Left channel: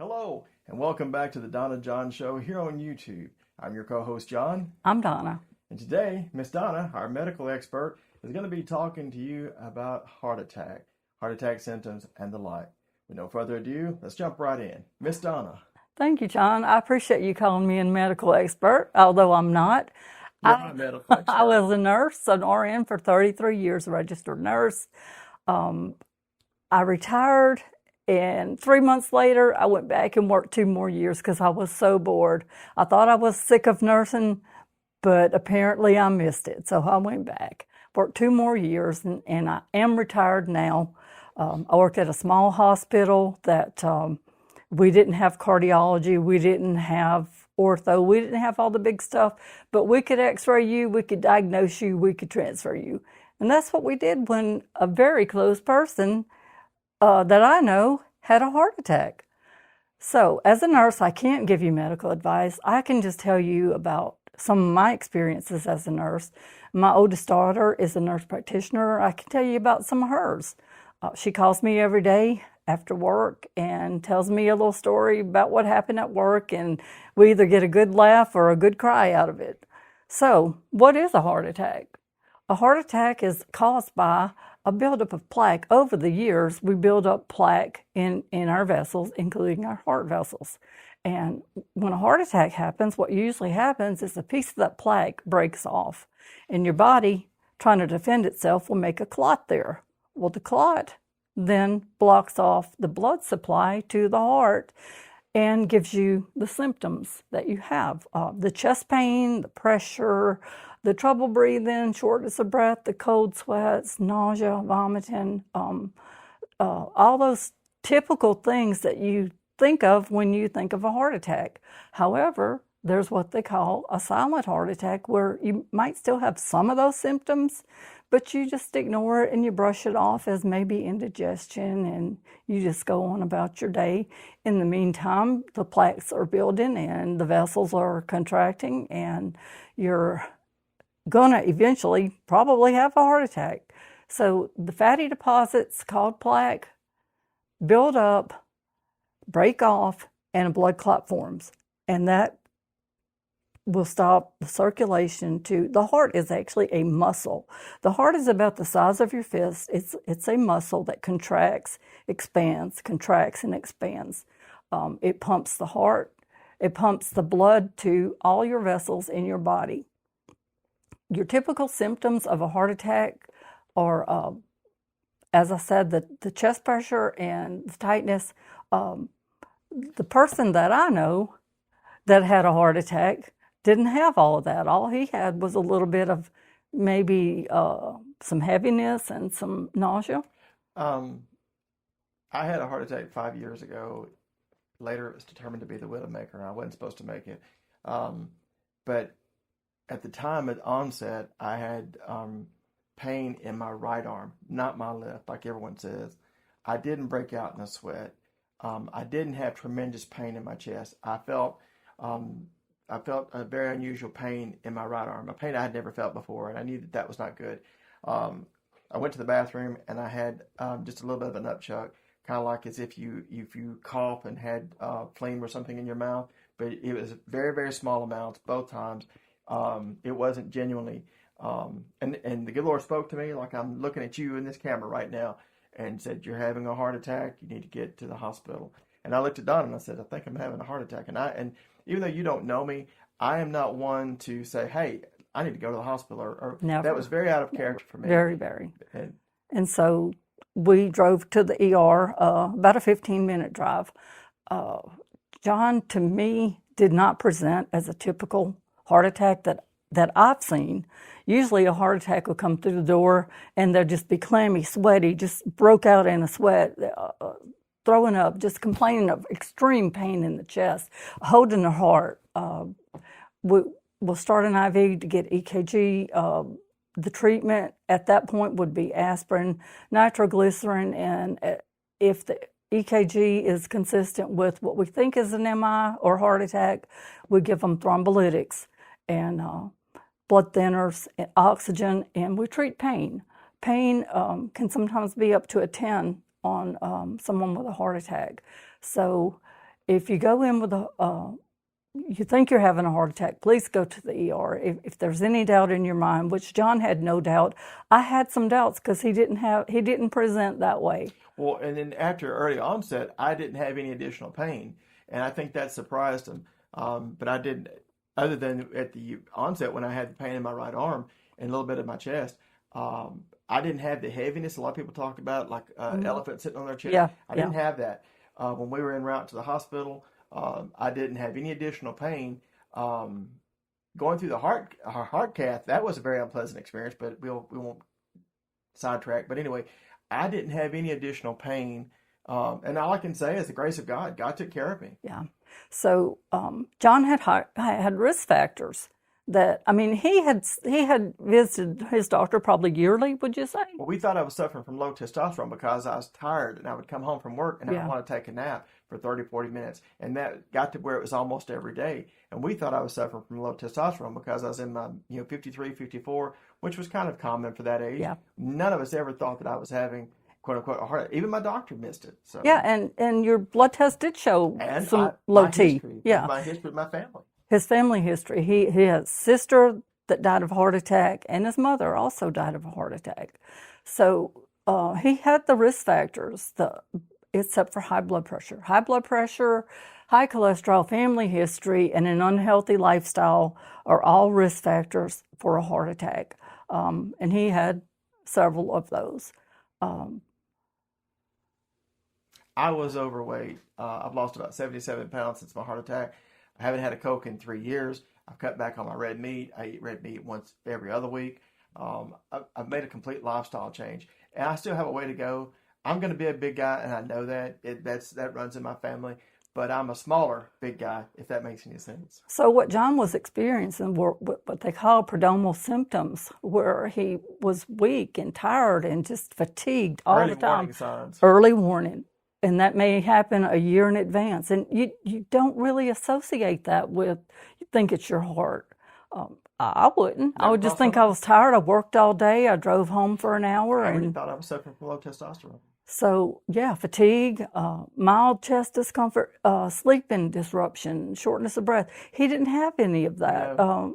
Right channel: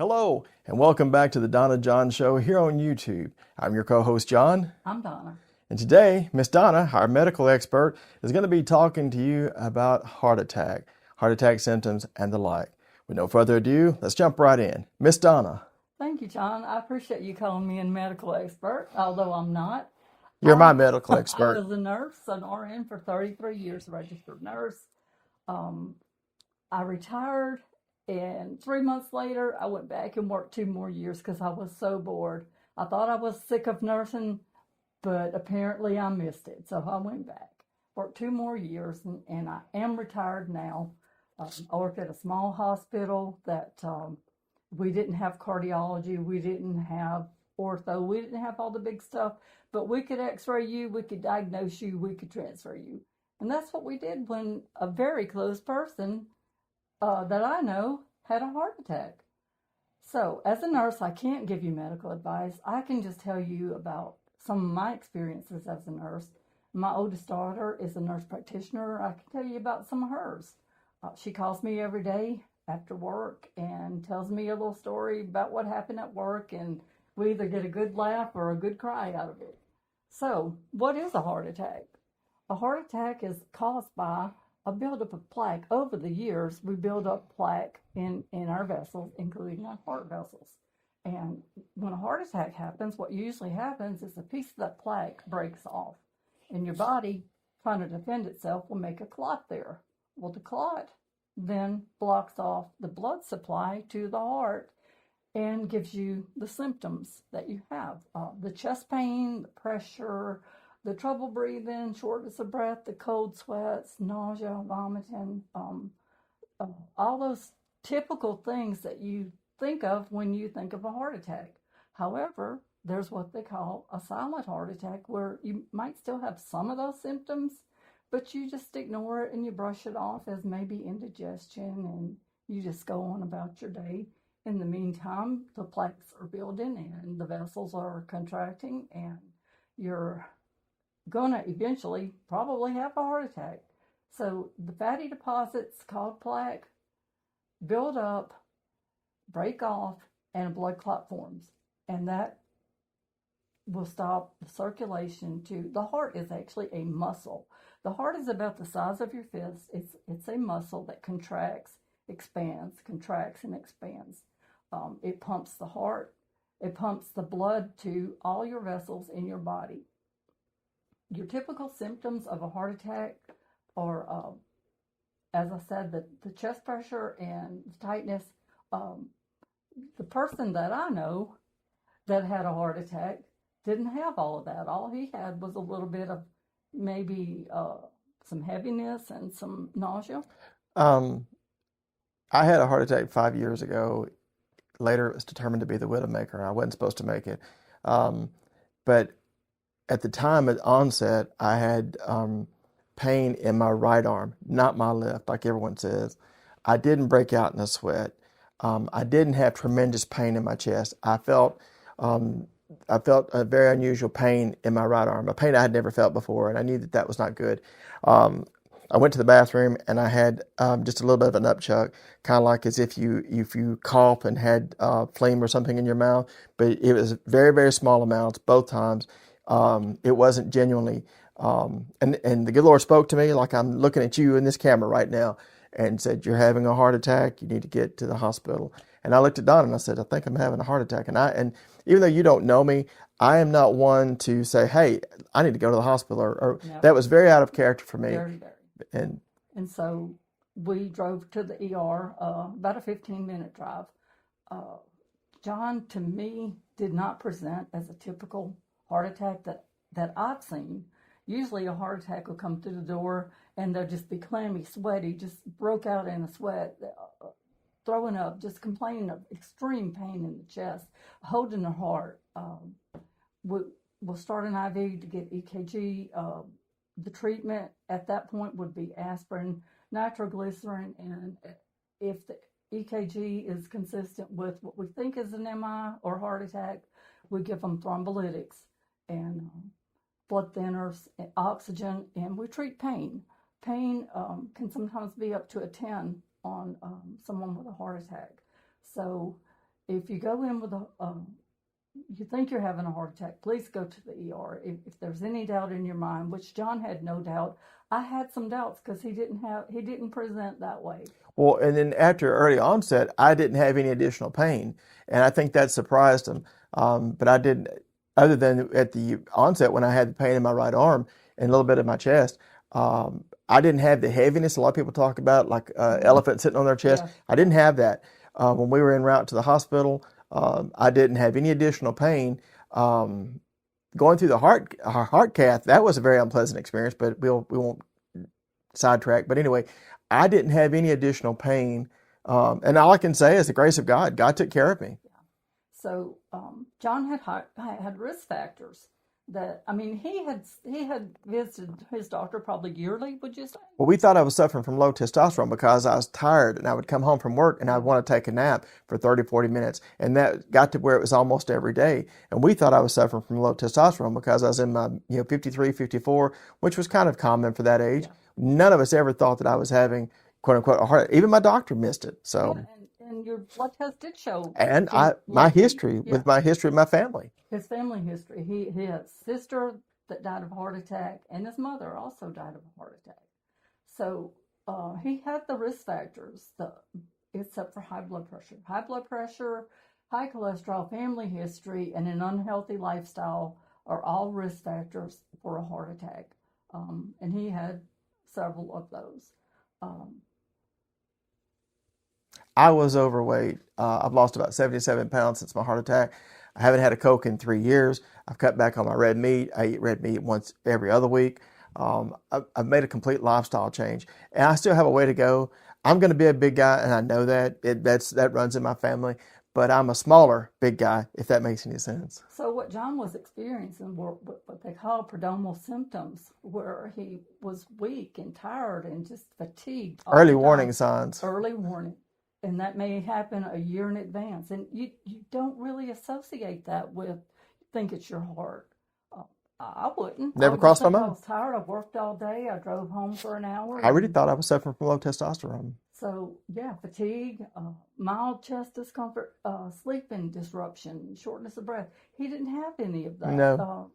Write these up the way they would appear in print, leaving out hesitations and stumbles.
Hello, and welcome back to the Donna John Show here on YouTube. I'm your co-host, John. I'm Donna. And today, Miss Donna, our medical expert, is going to be talking to you about heart attack symptoms, and the like. With no further ado, let's jump right in. Miss Donna. Thank you, John. I appreciate you calling me a medical expert, although I'm not. You're my medical expert. I was a nurse, an RN for 33 years, a registered nurse. I retired, and 3 months later, I went back and worked 2 more years because I was so bored. I thought I was sick of nursing, but apparently I missed it, so I went back. Worked 2 more years, and I am retired now. I worked at a small hospital that we didn't have cardiology, we didn't have ortho, we didn't have all the big stuff, but we could x-ray you, we could diagnose you, we could transfer you. And that's what we did when a very close person that I know had a heart attack. So as a nurse, I can't give you medical advice. I can just tell you about some of my experiences as a nurse. My oldest daughter is a nurse practitioner. I can tell you about some of hers. She calls me every day after work and tells me a little story about what happened at work, and we either get a good laugh or a good cry out of it. So what is a heart attack? A heart attack is caused by a buildup of plaque. Over the years, we build up plaque in our vessels, including our heart vessels. And when a heart attack happens, what usually happens is a piece of that plaque breaks off, and your body, trying to defend itself, will make a clot there. Well, the clot then blocks off the blood supply to the heart and gives you the symptoms that you have. The chest pain, the pressure, the trouble breathing, shortness of breath, the cold sweats, nausea, vomiting, all those typical things that you think of when you think of a heart attack. However, there's what they call a silent heart attack, where you might still have some of those symptoms, but you just ignore it and you brush it off as maybe indigestion, and you just go on about your day. In the meantime, the plaques are building and the vessels are contracting, and you're gonna eventually probably have a heart attack. So the fatty deposits called plaque build up, break off, and a blood clot forms. And that will stop the circulation to the heart. Is actually a muscle. The heart is about the size of your fist. It's a muscle that contracts, expands, contracts, and expands. It pumps the heart. It pumps the blood to all your vessels in your body. Your typical symptoms of a heart attack are, as I said, the chest pressure and the tightness. The person that I know that had a heart attack didn't have all of that. All he had was a little bit of maybe some heaviness and some nausea. I had a heart attack 5 years ago. Later, it was determined to be the widowmaker. I wasn't supposed to make it. But at the time at onset, I had pain in my right arm, not my left, like everyone says. I didn't break out in a sweat. I didn't have tremendous pain in my chest. I felt a very unusual pain in my right arm, a pain I had never felt before, and I knew that was not good. I went to the bathroom and I had just a little bit of an upchuck, kind of like as if you cough and had phlegm or something in your mouth, but it was very, very small amounts both times. It wasn't genuinely, and the good Lord spoke to me like I'm looking at you in this camera right now and said, "You're having a heart attack. You need to get to the hospital." And I looked at Donna and I said, "I think I'm having a heart attack." And even though you don't know me, I am not one to say, "Hey, I need to go to the hospital," or Never. That was very out of character for me. Very, very. And so we drove to the ER, about a 15-minute drive. John, to me, did not present as a typical heart attack that I've seen. Usually a heart attack will come through the door and they'll just be clammy, sweaty, just broke out in a sweat, throwing up, just complaining of extreme pain in the chest, holding their heart. We'll start an IV to get EKG. The treatment at that point would be aspirin, nitroglycerin, and if the EKG is consistent with what we think is an MI or heart attack, we give them thrombolytics and blood thinners and oxygen, and we treat pain. Pain can sometimes be up to a 10 on someone with a heart attack. So if you go in with you think you're having a heart attack, please go to the ER. If there's any doubt in your mind, which John had no doubt, I had some doubts because he didn't present that way. Well, and then after early onset, I didn't have any additional pain, and I think that surprised him. But I didn't, other than at the onset when I had the pain in my right arm and a little bit in my chest. I didn't have the heaviness a lot of people talk about, like elephant sitting on their chest. Yeah, I didn't have that. When we were en route to the hospital, I didn't have any additional pain. Going through the heart cath, that was a very unpleasant experience, but we won't sidetrack. But anyway, I didn't have any additional pain. And all I can say is the grace of God. God took care of me. Yeah. So John had risk factors that, I mean, he had visited his doctor probably yearly, would you say? Well, we thought I was suffering from low testosterone because I was tired and I would come home from work and I'd Yeah. want to take a nap for 30, 40 minutes. And that got to where it was almost every day. And we thought I was suffering from low testosterone because I was in my 53, 54, which was kind of common for that age. Yeah. None of us ever thought that I was having, quote unquote, a heart. Even my doctor missed it. So Yeah, and your blood test did show and some low my T. history, Yeah. with my history of my family. His family history. He had a sister that died of a heart attack, and his mother also died of a heart attack. So he had the risk factors, except for high blood pressure. High blood pressure, high cholesterol, family history, and an unhealthy lifestyle are all risk factors for a heart attack. And he had several of those. I was overweight. I've lost about 77 pounds since my heart attack. I haven't had a Coke in 3 years. I've cut back on my red meat. I eat red meat once every other week. I've made a complete lifestyle change, and I still have a way to go. I'm going to be a big guy, and I know that. That runs in my family. But I'm a smaller big guy, if that makes any sense. So what John was experiencing were what they call prodromal symptoms, where he was weak and tired and just fatigued all Early the time. warning signs. Early warning. And that may happen a year in advance. And you don't really associate that with, you think it's your heart. I wouldn't. I Never would just crossed my think I mind. was tired. I worked all day. I drove home for an hour. I really and thought I was suffering from low testosterone. so, yeah, fatigue, mild chest discomfort, sleeping disruption, shortness of breath. He didn't have any of that. No.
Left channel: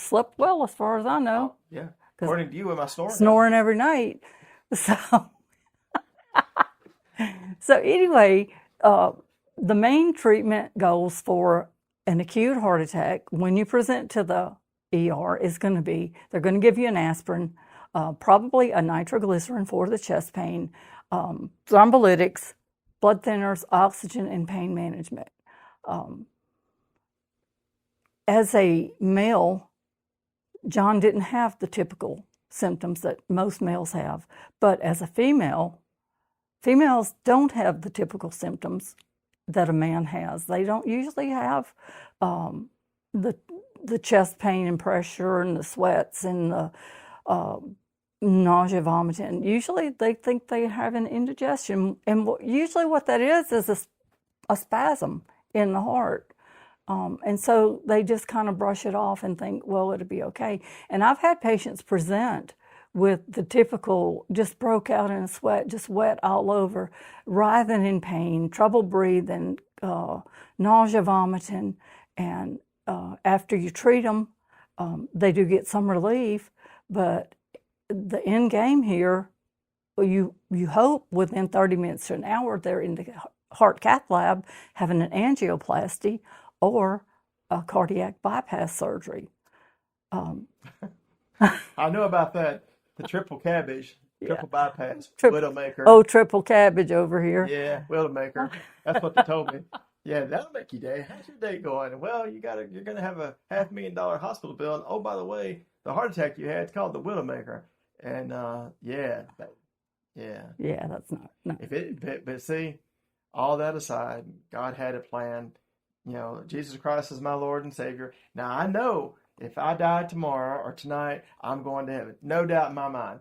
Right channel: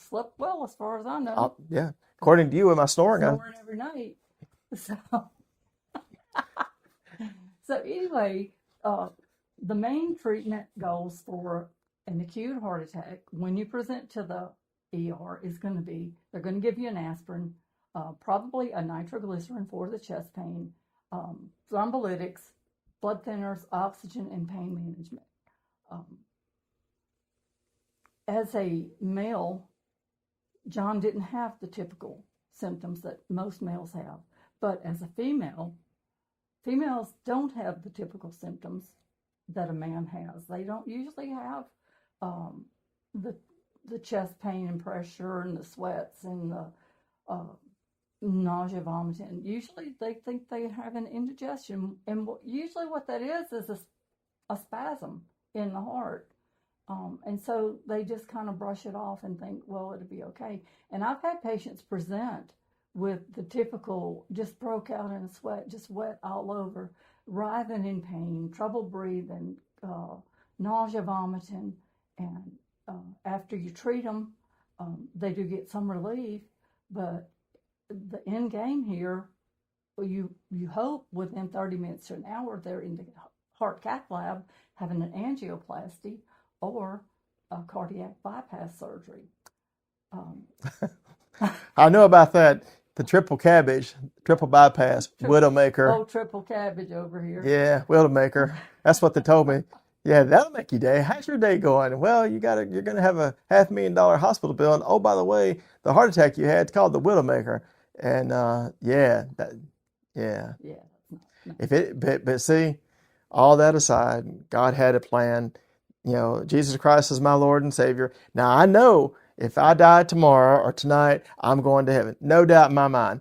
Slept well, as far as I know, Yeah. According to you, am I snoring? snoring every night. So, so anyway, the main treatment goals for an acute heart attack when you present to the ER is going to be, they're going to give you an aspirin, probably a nitroglycerin for the chest pain, thrombolytics, blood thinners, oxygen, and pain management. As a male, John didn't have the typical symptoms that most males have, but as a female, females don't have the typical symptoms that a man has. They don't usually have the chest pain and pressure and the sweats and the nausea, vomiting. Usually they think they have an indigestion, and usually what that is a spasm in the heart. And so they just kind of brush it off and think, well, it'll be okay. And I've had patients present with the typical, just broke out in a sweat, just wet all over, writhing in pain, trouble breathing, nausea, vomiting. And after you treat them, they do get some relief. But the end game here, you hope within 30 minutes to an hour, they're in the heart cath lab having an angioplasty or a cardiac bypass surgery. I know about that. The triple cabbage, triple bypass, Widowmaker. Oh, triple cabbage over here. Yeah, Widowmaker. That's what they told me. Yeah, that'll make your day. How's your day going? Well, you're gonna have a $500,000 hospital bill. And oh, by the way, the heart attack you had is called the Widowmaker. And yeah, that's not. No. But see, all that aside, God had a plan. Jesus Christ is my Lord and Savior. Now I know if I die tomorrow or tonight, I'm going to heaven. No doubt in my mind.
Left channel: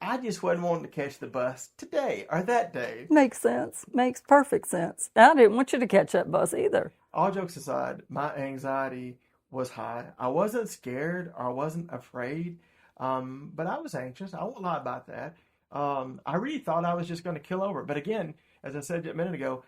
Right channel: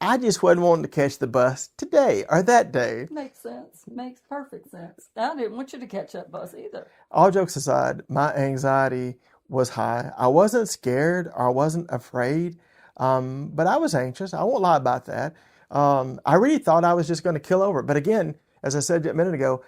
I just wasn't wanting to catch the bus today or that day. Makes sense. Makes perfect sense. I didn't want you to catch that bus either. All jokes aside, my anxiety was high. I wasn't scared or I wasn't afraid, but I was anxious. I won't lie about that. I really thought I was just going to kill over. But again, as I said a minute ago,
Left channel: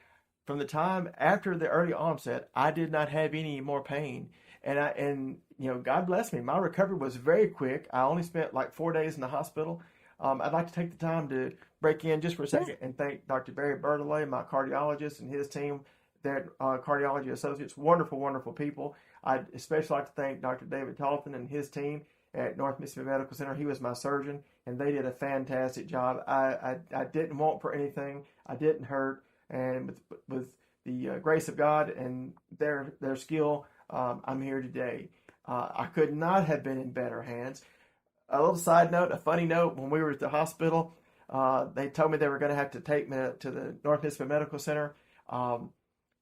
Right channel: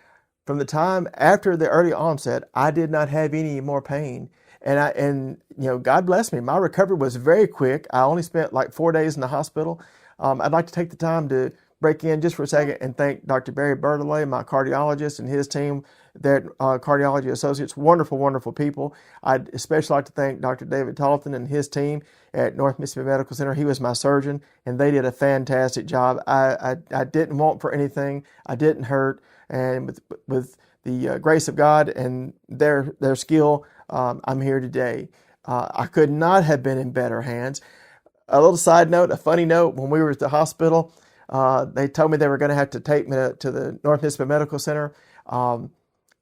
from the time after the early onset, I did not have any more pain. And God bless me, my recovery was very quick. I only spent like 4 days in the hospital. I'd like to take the time to break in just for a second and thank Dr. Barry Bertollet, my cardiologist, and his team, their cardiology associates, wonderful, wonderful people. I'd especially like to thank Dr. David Talton and his team at North Mississippi Medical Center. He was my surgeon, and they did a fantastic job. I didn't want for anything. I didn't hurt, and with the grace of God and their skill, I'm here today. I could not have been in better hands. A little side note, a funny note, when we were at the hospital, they told me they were going to have to take me to the North Mississippi Medical Center.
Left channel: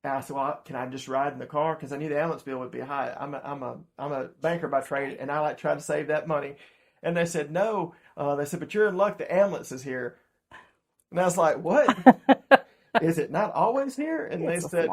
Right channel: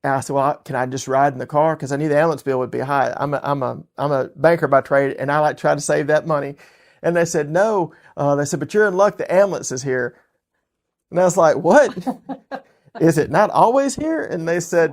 And I said, well, can I just ride in the car? Because I knew the ambulance bill would be high. I'm a banker by trade, and I like to try to save that money. And they said, no. They said, but you're in luck. The ambulance is here. And I was like, what? Is it not always here? And they said,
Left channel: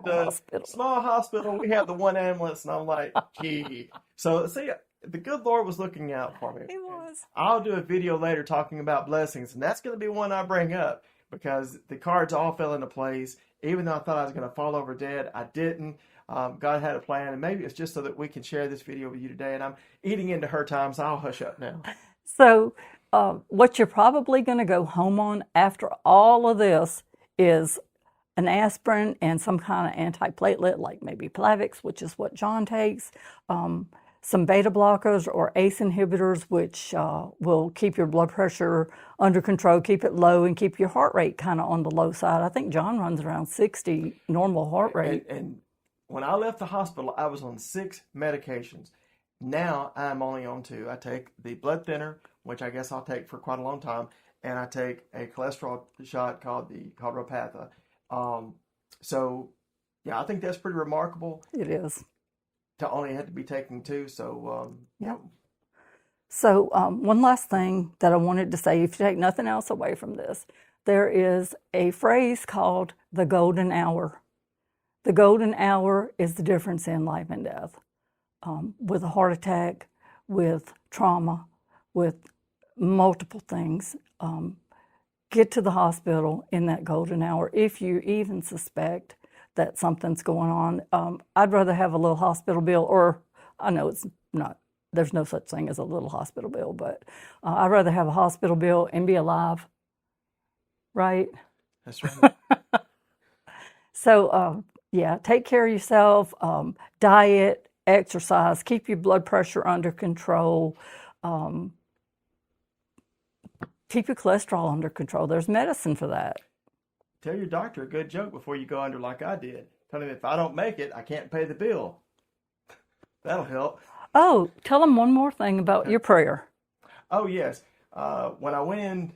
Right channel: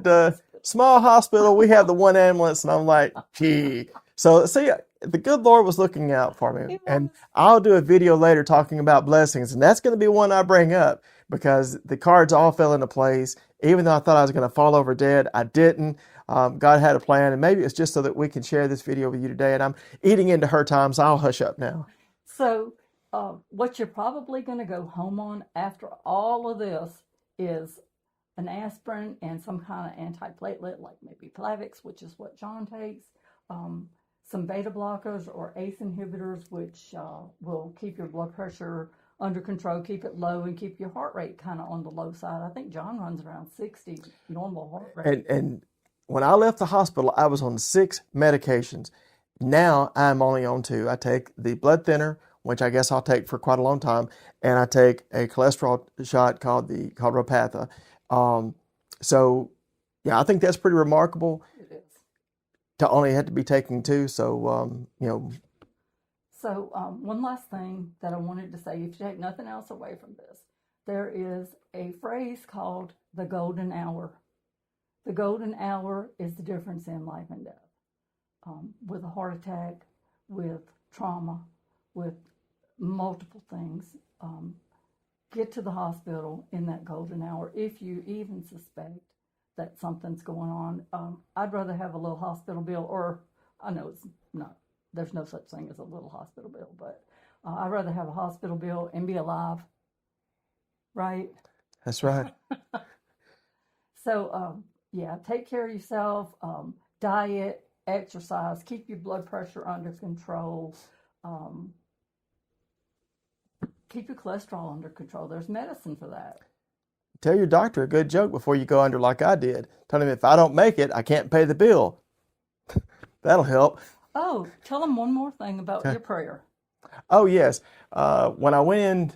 small hospital. We have the one ambulance. And I'm like, gee. So see, the good Lord was looking out for me. And I'll do a video later talking about blessings. And that's going to be one I bring up because the cards all fell into place. Even though I thought I was going to fall over dead, I didn't. God had a plan, and maybe it's just so that we can share this video with you today. And I'm eating into her time, so I'll hush up now. So what you're probably going to go home on after all of this is an aspirin and some kind of antiplatelet, like maybe Plavix, which is what John takes, some beta blockers or ACE inhibitors, which will keep your blood pressure under control, keep it low, and keep your heart rate kind of on the low side. I think John runs around 60 normal heart rate. And when I left the hospital, I was on 6 medications. Now I'm only on 2. I take the blood thinner, which I guess I'll take for quite a long time, and I take a cholesterol shot called Repatha. So yeah, I think that's pretty remarkable. It is. To only have to be taking 2. So, So one last thing that I wanted to say, if you take nothing else away from this, there is a phrase called the golden hour. The golden hour is the difference in life and death. With a heart attack, with trauma, with multiple things, get to the hospital in that golden hour if you even suspect that something's going on. I'd rather have a little hospital bill, or I know it's not, there's no such thing as a little hospital bill, but I'd rather have a hospital bill and be alive, right? That's right. So, yeah, take care of yourself, diet, exercise, keep your blood pressure under control, keep your cholesterol under control. There's medicine for that. Tell your doctor a good joke before you go under like I did. Tell him if I don't make it, I can't pay the bill. That'll help. Oh, tell them one more thing about your prayer. Oh, yes. When I went in,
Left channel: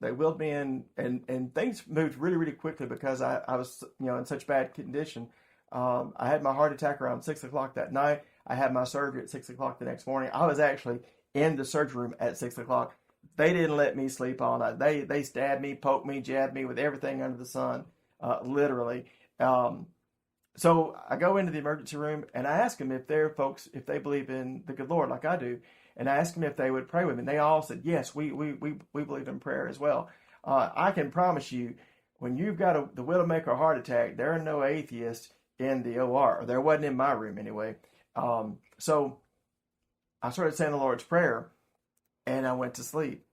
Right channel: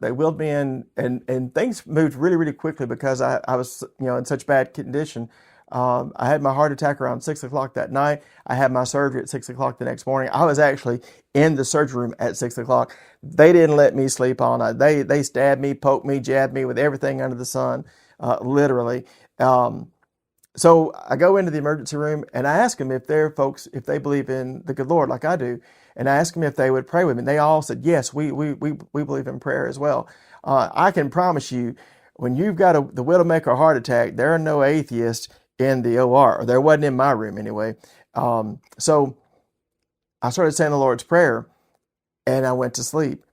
they wheeled me in, and things moved really, really quickly because I was, in such bad condition. I had my heart attack around 6 o'clock that night. I had my surgery at 6 o'clock the next morning. I was actually in the surgery room at 6 o'clock. They didn't let me sleep all night. They stabbed me, poked me, jabbed me with everything under the sun, literally. So I go into the emergency room and I ask them if they believe in the good Lord like I do. And I asked them if they would pray with me. And they all said, yes, we believe in prayer as well. I can promise you, when you've got the Widowmaker heart attack, there are no atheists in the OR, or there wasn't in my room anyway. So I started saying the Lord's Prayer, and I went to sleep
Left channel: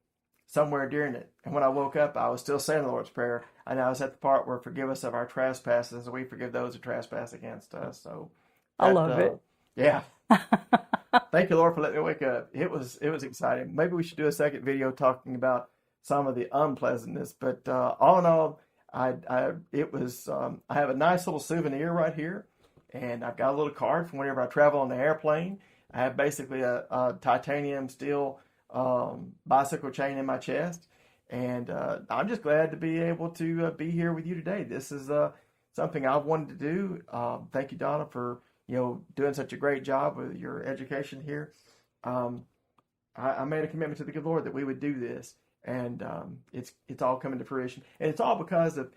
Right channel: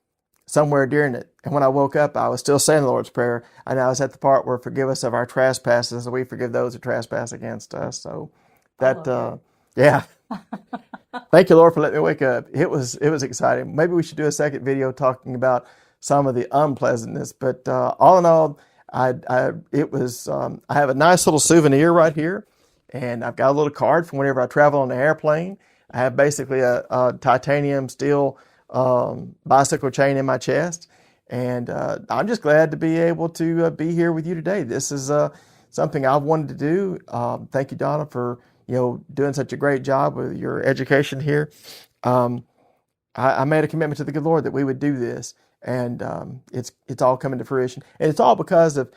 somewhere during it. And when I woke up, I was still saying the Lord's Prayer, and I was at the part where forgive us of our trespasses, and we forgive those who trespass against us. So I love it. Yeah. Thank you, Lord, for letting me wake up. It was exciting. Maybe we should do a second video talking about some of the unpleasantness. But all in all, I have a nice little souvenir right here, and I've got a little card from whenever I travel on the airplane. I have basically a titanium steel bicycle chain in my chest, and I'm just glad to be able to be here with you today. This is something I've wanted to do. Thank you, Donna, for doing such a great job with your education here. I made a commitment to the good Lord that we would do this, and it's all coming to fruition. And it's all because of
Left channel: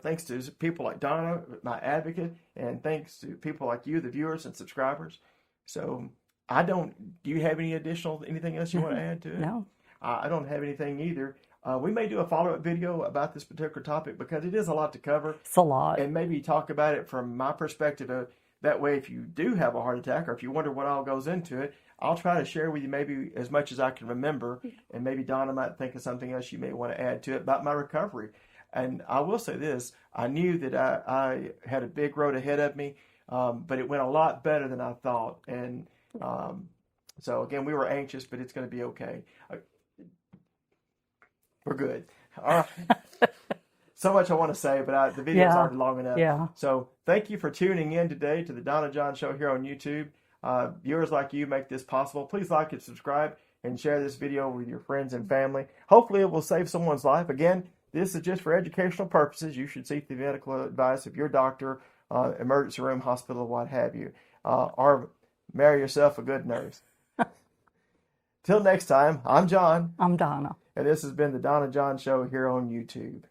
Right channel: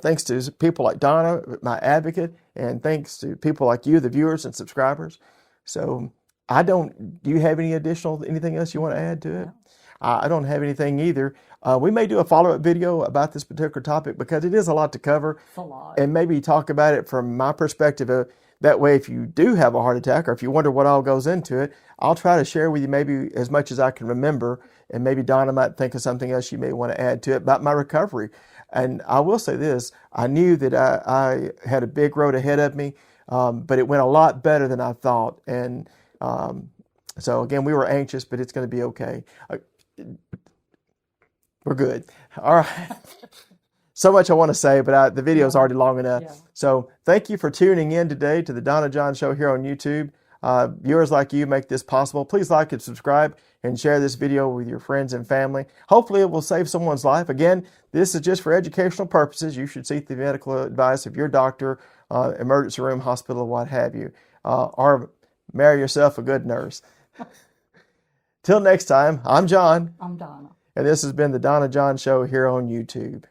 thanks to people like Donna, my advocate, and thanks to people like you, the viewers and subscribers. So I don't. Do you have anything else you want to add to it? No. I don't have anything either. We may do a follow-up video about this particular topic because it is a lot to cover, It's a lot. and maybe talk about it from my perspective. That way, if you do have a heart attack, or if you wonder what all goes into it, I'll try to share with you maybe as much as I can remember, and maybe Donna might think of something else you may want to add to it about my recovery. And I will say this: I knew that I had a big road ahead of me, but it went a lot better than I thought. And so again, we were anxious, but it's going to be okay. We're good. All right. So much I want to say, but the video's Yeah. already long enough. Yeah. So thank you for tuning in today to the Donna John Show here on YouTube. Viewers like you make this possible. Please like and subscribe and share this video with your friends and family. Hopefully it will save someone's life. Again, this is just for educational purposes. You should seek the medical advice of your doctor, emergency room, hospital, what have you. Or marry yourself a good nurse. Till next time, I'm John. I'm Donna. And this has been the Donna John Show here on YouTube.